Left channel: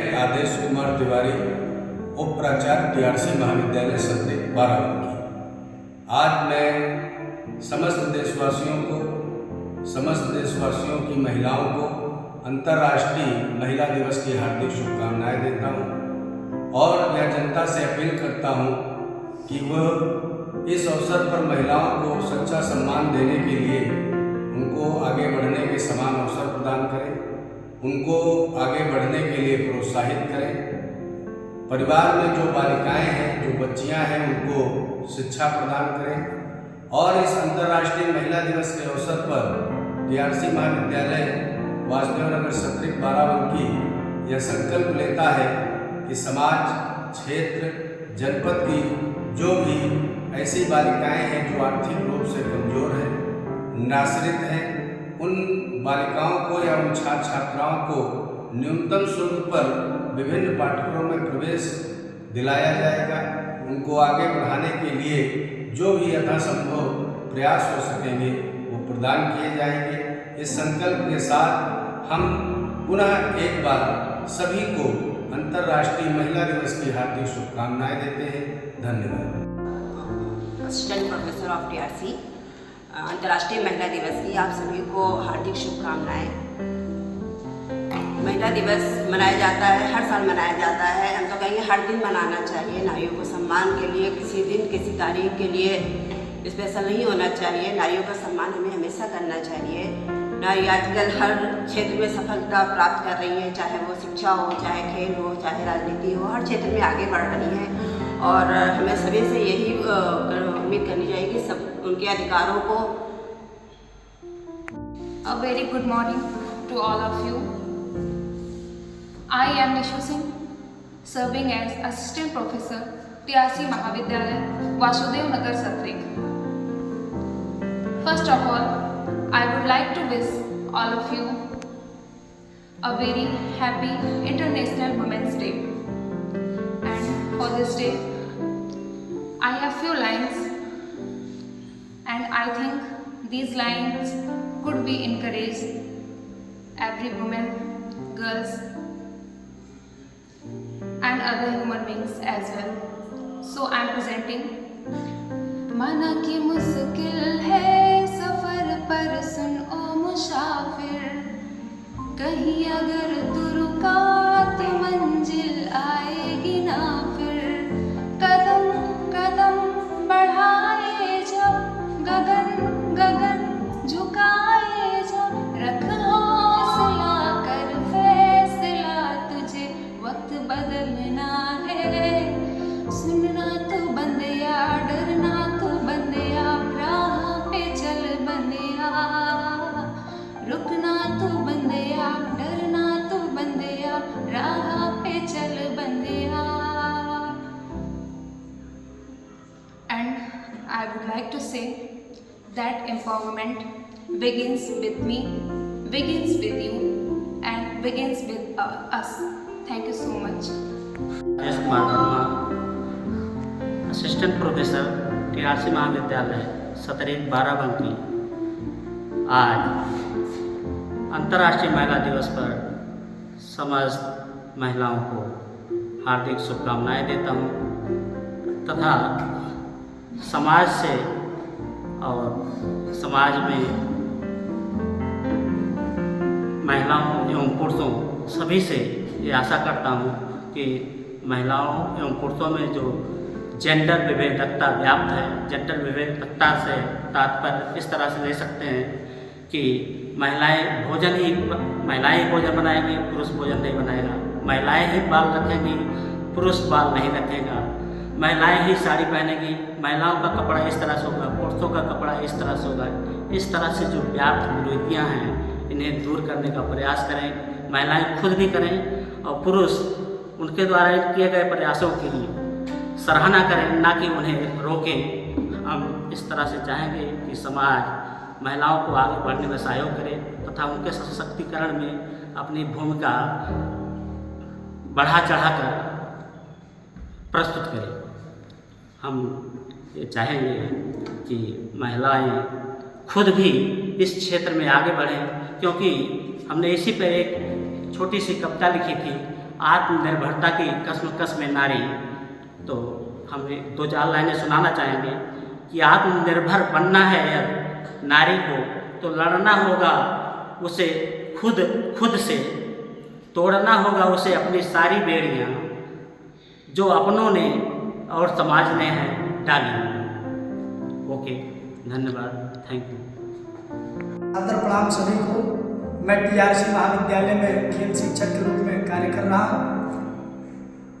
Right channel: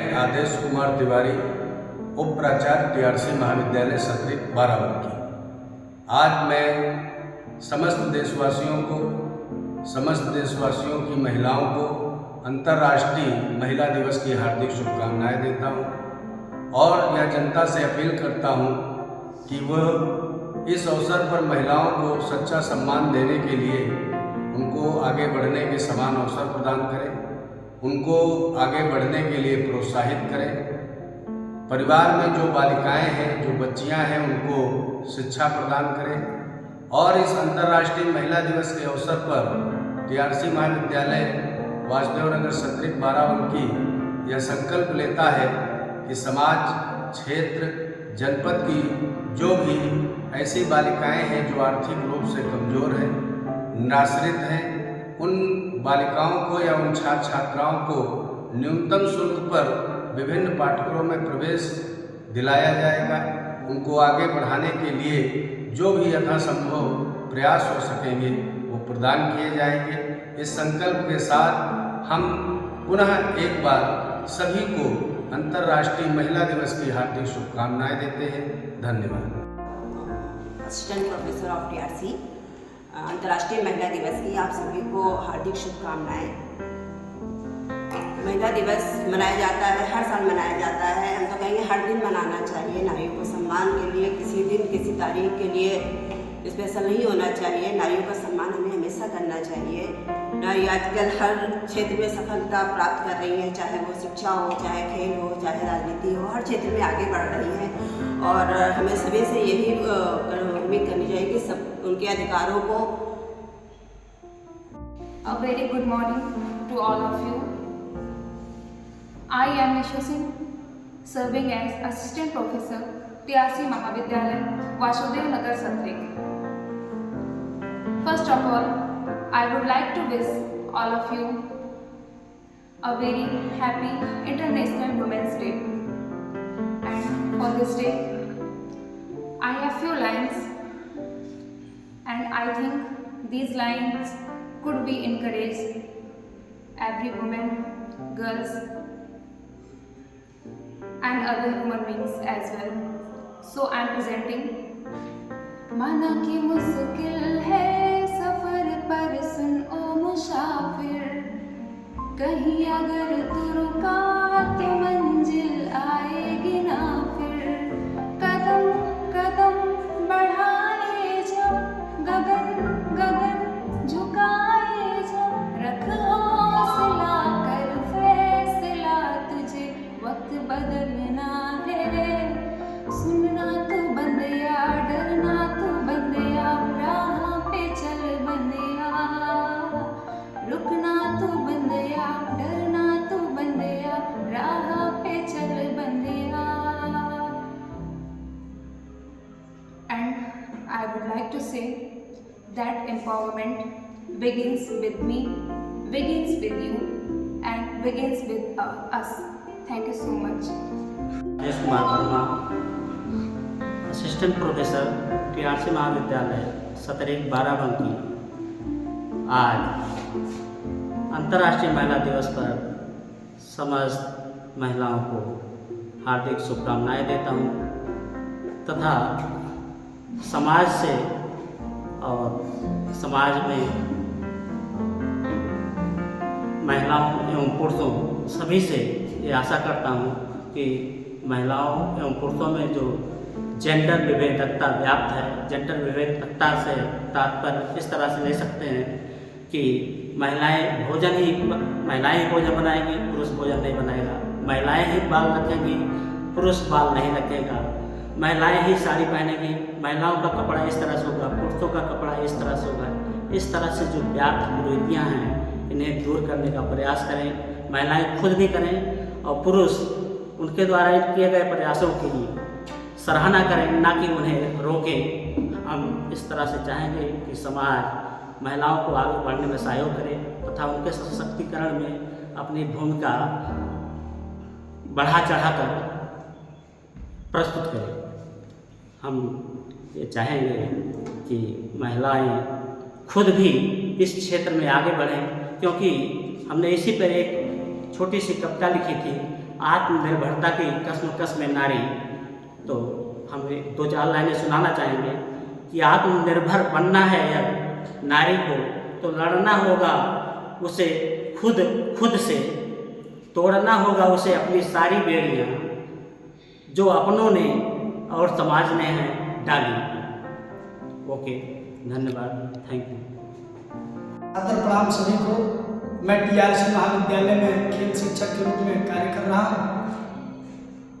मैं आदेश कुमार तिवारी, उप प्राचार्य टीआरसी महाविद्यालय सतरिक बाराबंकी। आज मैं समस्त देशवासियों की महिलाओं को अंतर्राष्ट्रीय महिला दिवस की हार्दिक शुभकामनाएं देता हूं और यह जनता से अपील करता हूं कि वह इस अवसर पर महिलाओं को सच्चा सम्मान देने के लिए उनको आगे बढ़ने के समान अवसर प्रदान करें, उनको आगे बढ़ने के लिए प्रोत्साहित करें। परिवार में जो बालिकाएं हैं, जो बच्चियां हैं, उनको शिक्षा प्रदान करें और इस अंतर्राष्ट्रीय महिला दिवस के अवसर पर टीआरसी महाविद्यालय वासुदेव नगर सतरिक बाराबंकी यह संकल्प लेता है कि समाज, क्षेत्र, जनपद की जो भी ऐसी बालिकाएं हैं जो आर्थिक रूप से कमज़ोर हैं, निराश्रित हैं, उन बालिकाओं को या उन छात्र छात्राओं को न्यूनतम शुल्क पर विभिन्न पाठ्यक्रमों में प्रवेश दिलाया जाएगा। उनको आगे बढ़ाने के लिए जो भी यथासंभव प्रयास हो सकेंगे वो प्रदान किए जाएंगे। इस संकल्प के साथ हम पुनः एक बार सभी को अंतर्राष्ट्रीय महिला दिवस की हार्दिक शुभकामनाएं देते हैं। धन्यवाद। असिस्टेंट प्रोफेसर ऑफ टीआरसी, अंतर्राष्ट्रीय महिला दिवस की आप सभी को हार्दिक शुभकामनाएं। महिला दिवस मनाया जाता है, हर साल मनाया जाता है। हम तो कहेंगे हर दिन मनाना चाहिए। नारियों को सम्मान के लिए किसी दिन, किसी तारीख के लिए स्पेशल नहीं होना चाहिए। नारियों का सम्मान हमें हमेशा करना चाहिए। नारी आजकल हर क्षेत्र में सफलता प्राप्त कर रही है, चाहे वो शिक्षा हो, चाहे खेल हो, चाहे राजनीति हो, हर क्षेत्र में आगे बढ़ रही हैं और हमें सभी से यही उम्मीद करनी चाहिए कि सब उनके अधिकारों को। A very good morning to all of you. I am Nishu Singh, serving as Assistant Professor, TRC Mahavidyalaya, Vasudev Nagar Satrik. First of all, I would like to wish all of you a very happy International Women's Day. And for this day, I have few lines, and I think these lines could be encourage every woman, girls, and other human beings as well. So I am presenting. माना कि मुश्किल है सफर पर सुन ओ मुसाफिर, कहीं अगर तू रुका तो मंजिल आएगी ना फिर। कदम कदम बढ़ाए जब गगन गगन झुकाए जब, रख हौसला कर फैसला, तुझे वक्त बदलना है। सुनना तो बंदिया, डरना तो बंदिया, राह पे चल बंदिया। रुकना तो बंदिया, डरना तो बंदिया, राह पे चल बंदिया। And I would like to say that empowerment begins with me, begins with you, and begins with us. Thank you so much. Adesh Kumar Verma, assistant professor, TRC महाविद्यालय सतरिक बाराबंकी। आज अंतर्राष्ट्रीय महिला दिवस पर समस्त महिलाओं को हार्दिक शुभकामनाएं देता हूं तथा समाज से और समाज में महिलाओं एवं पुरुषों सभी से ये आशा करता हूँ कि महिलाओं एवं पुरुषों में जो जेंडर विभेदकता व्याप्त है, जेंडर विभेदकता से तात्पर्य इस तरह से ले सकते हैं कि महिलाएं भोजन बनाएंगी, पुरुष भोजन नहीं बनाएगा। महिलाएं ही बाल रखेंगी, पुरुष बाल नहीं रखेगा। महिलाएं ही साड़ी पहनेंगी, महिलाओं का कपड़ा इस तरह से होगा, पुरुषों का कपड़ा इस तरह से होगा। इस तरह से जो व्याप्त विरोधियाँ हैं, इन्हें दूर करने का प्रयास करें। महिलाएं खुद भी करें और पुरुष उनके द्वारा किए गए प्रयासों की सराहना करें, ना कि उन्हें रोकें। हम इस तरह से चाहेंगे कि समाज महिलाओं को आगे बढ़ने में सहयोग करे तथा उनके सशक्तिकरण में अपनी भूमिका बढ़ा चढ़ाकर प्रस्तुत करे। हम ये चाहेंगे कि महिलाएं खुद भी इस क्षेत्र में आगे बढ़ें, क्योंकि हमने इसी पर एक छोटी सी कविता लिखी थी, आत्मनिर्भरता की कश्मकश में नारी, तो हम 2-4 लाइनें सुनाना चाहेंगे कि आत्मनिर्भर बनना है अब नारी को, तो लड़ना होगा उसे खुद से, तोड़ना होगा उसे अपनी सारी बेड़ियाँ जो अपनों ने और समाज ने हैं डाली। ओके, धन्यवाद, थैंक यू। आदर प्रणाम सभी को। मैं टीआरसी महाविद्यालय में खेल शिक्षक के रूप में कार्य कर रहा हूँ।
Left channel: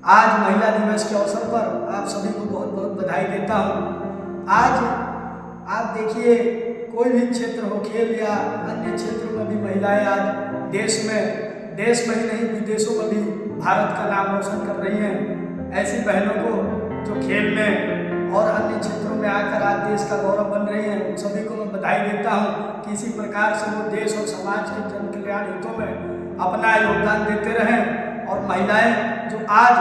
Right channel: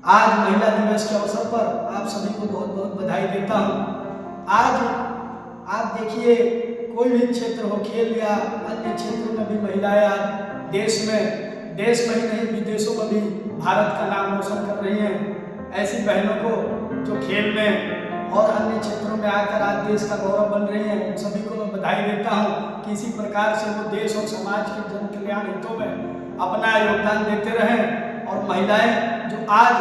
आज महिला दिवस के अवसर पर आप सभी को बहुत बहुत बधाई देता हूँ। आज आप देखिए, कोई भी क्षेत्र हो, खेल या अन्य क्षेत्रों में भी महिलाएं आज देश में ही नहीं विदेशों में भी भारत का नाम रोशन कर रही हैं। ऐसी बहनों को जो खेल में और अन्य क्षेत्रों में आकर आज देश का गौरव बन रही हैं, उन सभी को मैं बधाई देता हूं कि इसी प्रकार से वो देश और समाज के जन कल्याण हितों में अपना योगदान देते रहें। और महिलाएं जो आज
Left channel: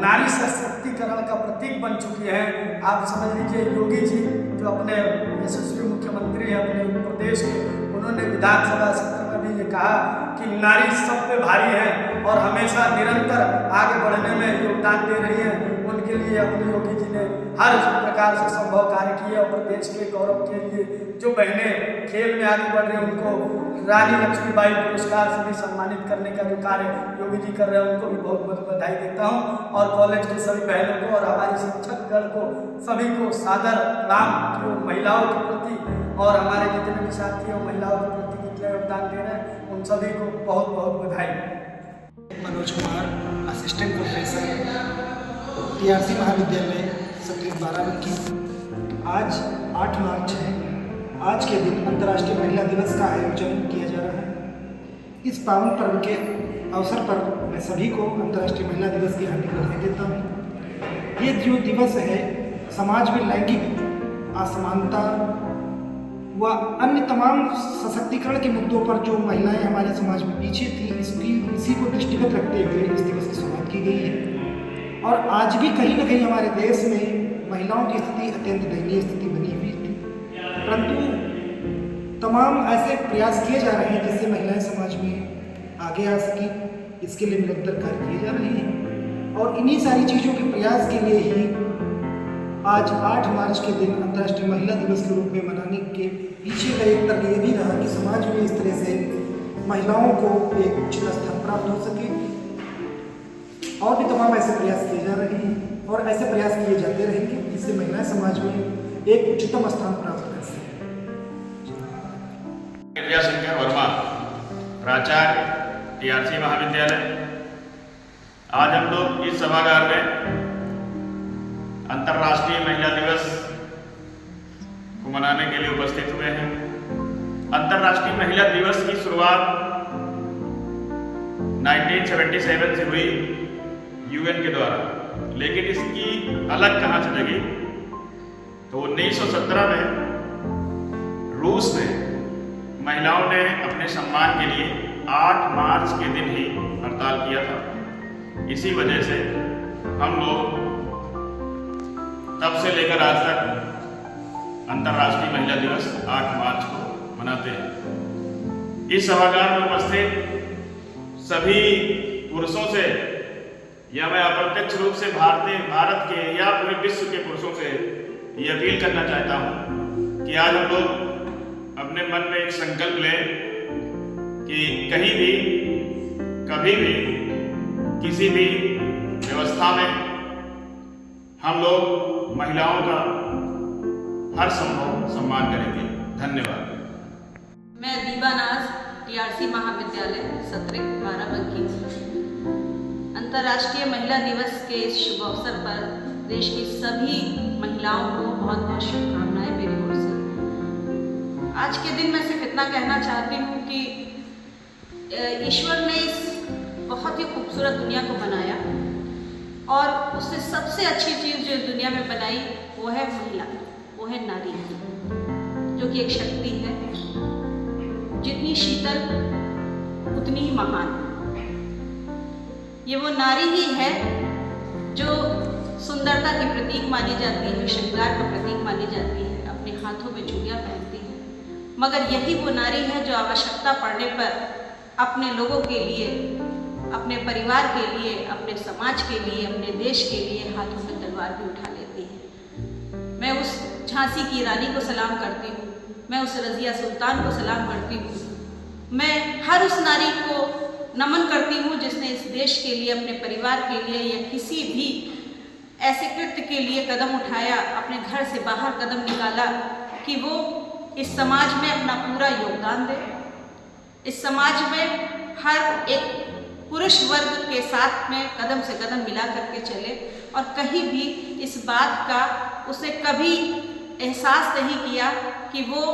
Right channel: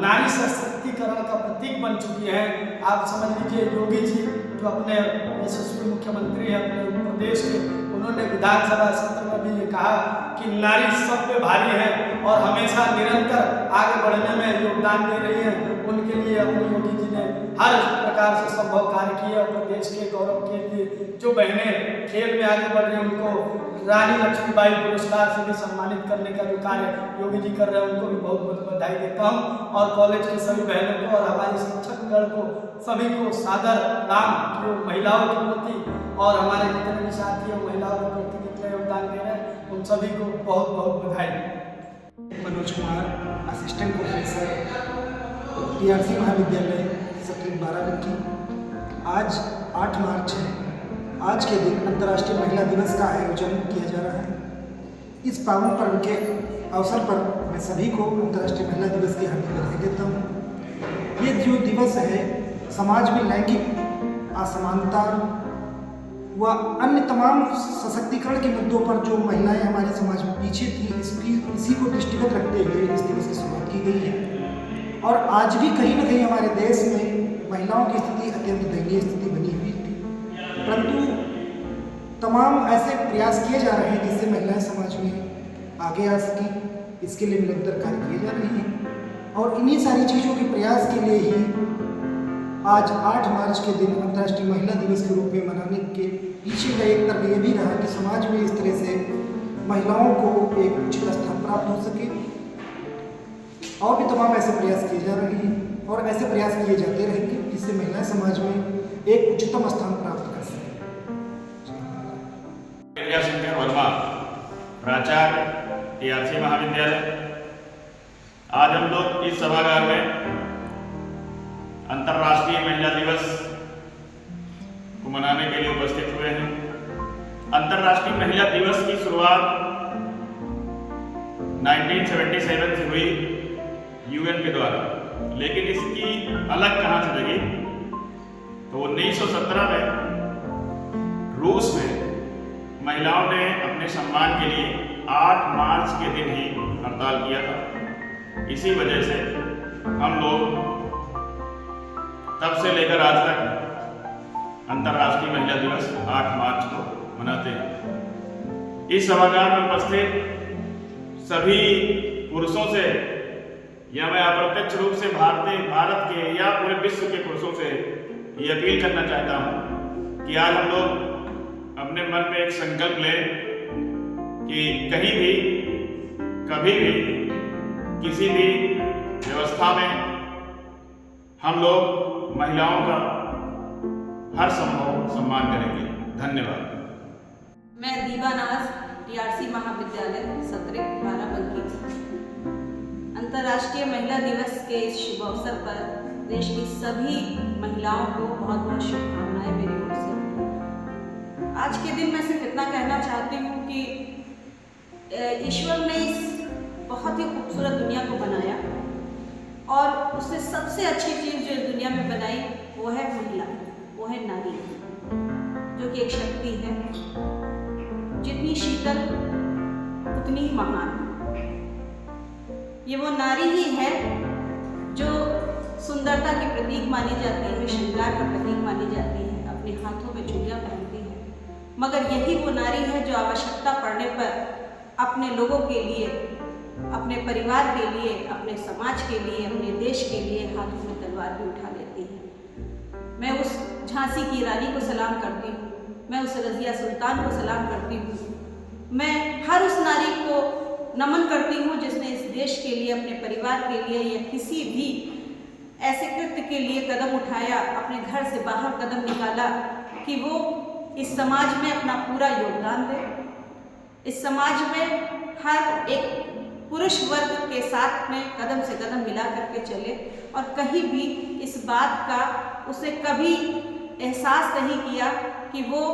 नारी सशक्तिकरण का प्रतीक बन चुकी हैं, आप समझ लीजिए योगी जी जो अपने यशस्वी मुख्यमंत्री हैं अपने उत्तर प्रदेश के, उन्होंने विधानसभा सत्र में भी ये कहा कि नारी सब पे भारी है और हमेशा निरंतर आगे बढ़ने में योगदान दे रही है। उनके लिए अपने योगी जी ने हर प्रकार से संभव कार्य किए और प्रदेश के गौरव के लिए जो बहनें खेल में आगे बढ़ रही हैं उनको रानी लक्ष्मीबाई पुरस्कार से भी सम्मानित करने का जो कार्य योगी जी कर रहे हैं उनको भी बहुत बहुत बधाई देता हूं। और कॉलेज के सभी बहनों को और हमारे शिक्षकगण को सभी को सादर प्रणाम कि महिलाओं के प्रति और हमारे जितने भी साथी और महिलाओं के प्रति जितने योगदान दे रहे हैं उन सभी को बहुत बहुत बधाई। Manoj Kumar, assistant professor, TRC महाविद्यालय सत्र 12 की। आज 8 मार्च है। आज के दिन अंतर्राष्ट्रीय महिला दिवस का आयोजन किया जा रहा है। इस पावन पर्व के अवसर पर मैं सभी को अंतर्राष्ट्रीय महिला दिवस की हार्दिक बधाई देता हूँ। ये जो दिवस है समाज में लैंगिक असमानता व अन्य तमाम सशक्तिकरण के मुद्दों पर जो महिलाएं हमारे समाज में पीछे थी, इसी को दृष्टिगत रखते हुए इस दिवस की शुरुआत की गई है। और आज भी कहीं न कहीं हमारे देश में महिलाओं की स्थिति अत्यंत दयनीय स्थिति बनी हुई थी, परंतु तमाम ऐसे प्रयास किए जा रहे हैं जिससे महिलाएं समाज में आगे आ सकें। इसके लिए निरंतर कार्य किए जा रहे हैं और इन्हीं सारी चीज़ों के प्रयास के लिए ही आज 8 मार्च के दिन अंतर्राष्ट्रीय महिला दिवस के रूप में मनाने के पीछे का एक तर्क ये भी रहा कि समाज में इस तरह से महिलाओं को एक उचित स्थान प्राप्त हो सके। और भी तमाम ऐसे प्रयास किए जा रहे हैं और ऐसे प्रयास किए जाते रहेंगे जिससे महिलाएं समाज में एक उच्चतम स्थान प्राप्त कर सकें। शंकर वर्मा, प्राचार्य, टीआरसी महाविद्यालय। आज हम लोग इस सभागार में अंतर्राष्ट्रीय महिला दिवस को मनाने के लिए उपस्थित हुए हैं। अंतर्राष्ट्रीय महिला दिवस की शुरुआत 1977 से हुई यूएन के द्वारा, लेकिन इसकी अलग कहाँ से जगी तो 1917 में रूस में महिलाओं ने अपने सम्मान के लिए 8 मार्च के दिन ही हड़ताल किया था। इसी वजह से हम लोग तब से लेकर आज तक अंतर्राष्ट्रीय महिला दिवस 8 मार्च को मनाते हैं। इस सभागार में उपस्थित सभी पुरुषों से या मैं अप्रत्यक्ष रूप से भारत के या पूरे विश्व के पुरुषों से ये अपील करना चाहता हूँ कि आज हम लोग अपने मन में एक संकल्प लें कि कहीं भी कभी भी किसी भी व्यवस्था में हम लोग महिलाओं का हर संभव सम्मान करेंगे। धन्यवाद। मैं दीबा नाज, टीआरसी महाविद्यालय सत्र 12 अंतर्राष्ट्रीय महिला दिवस के इस शुभ अवसर पर देश की सभी महिलाओं को बहुत बहुत शुभकामनाएं मेरी ओर से। आज के दिन मैं सिर्फ इतना कहना चाहती हूँ कि ईश्वर ने इस बहुत ही खूबसूरत दुनिया को बनाया और उसने सबसे अच्छी चीज़ जो इस दुनिया में बनाई वो है महिला, वो है नारी, जो कि एक शक्ति है, जितनी शीतल उतनी ही महान। ये वो नारी ही है जो सुंदरता की प्रतीक मानी जाती है, श्रृंगार का प्रतीक मानी जाती है, अपने हाथों में चूड़ियाँ पहनती है, मगर यही वो नारी है जो आवश्यकता पड़ने पर अपने लोगों के लिए अपने परिवार के लिए, अपने समाज के लिए, अपने देश के लिए हाथों में तलवार भी उठा लेती है। मैं उस झांसी की रानी को सलाम करती हूँ, मैं उस रज़िया सुल्तान को सलाम करती हूँ, मैं हर उस नारी को नमन करती हूँ जिसने इस देश के लिए, अपने परिवार के लिए या किसी भी ऐसे कृत्य के लिए कदम उठाया, अपने घर से बाहर कदम निकाला कि वो इस समाज में अपना पूरा योगदान दे, इस समाज में हर एक पुरुष वर्ग के साथ में कदम से कदम मिला करके चले और कहीं भी इस बात का उसने कभी एहसास नहीं किया कि वो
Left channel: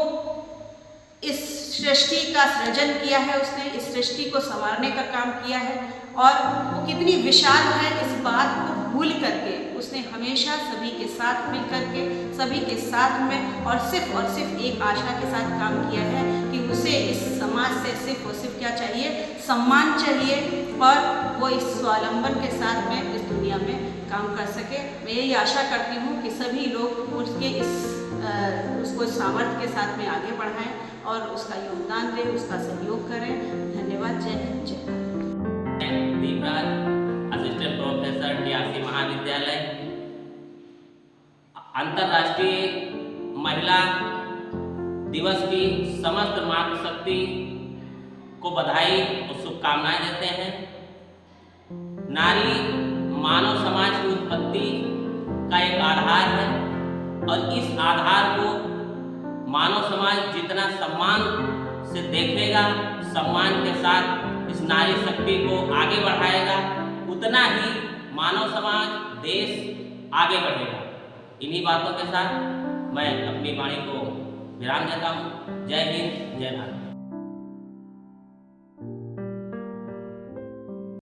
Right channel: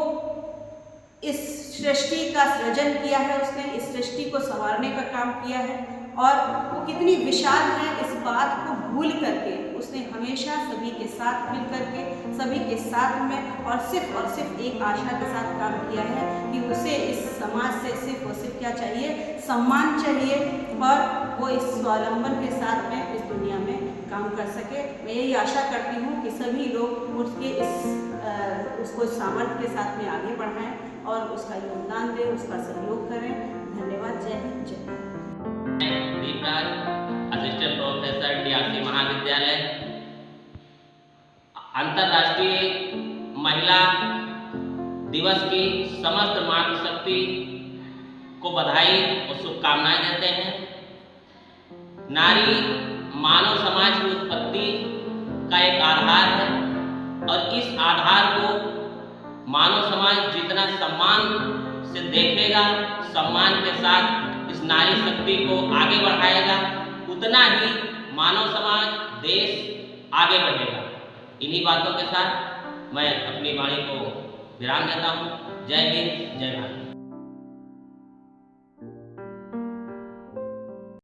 इस सृष्टि का सृजन किया है, उसने इस सृष्टि को संवारने का काम किया है और वो कितनी विशाल है इस बात को भूल करके उसने हमेशा सभी के साथ मिल करके, सभी के साथ में और सिर्फ एक आशा के साथ काम किया है कि उसे इस समाज से सिर्फ और सिर्फ क्या चाहिए, सम्मान चाहिए और वो इस स्वावलंबन के साथ में इस दुनिया में काम कर सके। मैं यही आशा करती हूँ कि सभी लोग उसके उसको इस सामर्थ्य के साथ में आगे बढ़ाएं और उसका योगदान दें, उसका सहयोग करें। धन्यवाद। जय हिंद, जय Bharat. Deepraj, assistant professor DRC महाविद्यालय। अंतर्राष्ट्रीय महिला दिवस की समस्त मातृशक्ति को बधाई और शुभकामनाएं देते हैं। नारी मानव समाज की उत्पत्ति का एक आधार है और इस आधार को मानव समाज जितना सम्मान से देखेगा, सम्मान के साथ इस नारी शक्ति को आगे बढ़ाएगा, उतना ही मानव समाज, देश आगे बढ़ेगा। इन्हीं बातों के साथ मैं अपनी वाणी को विराम देता हूँ। जय हिंद, जय भारत।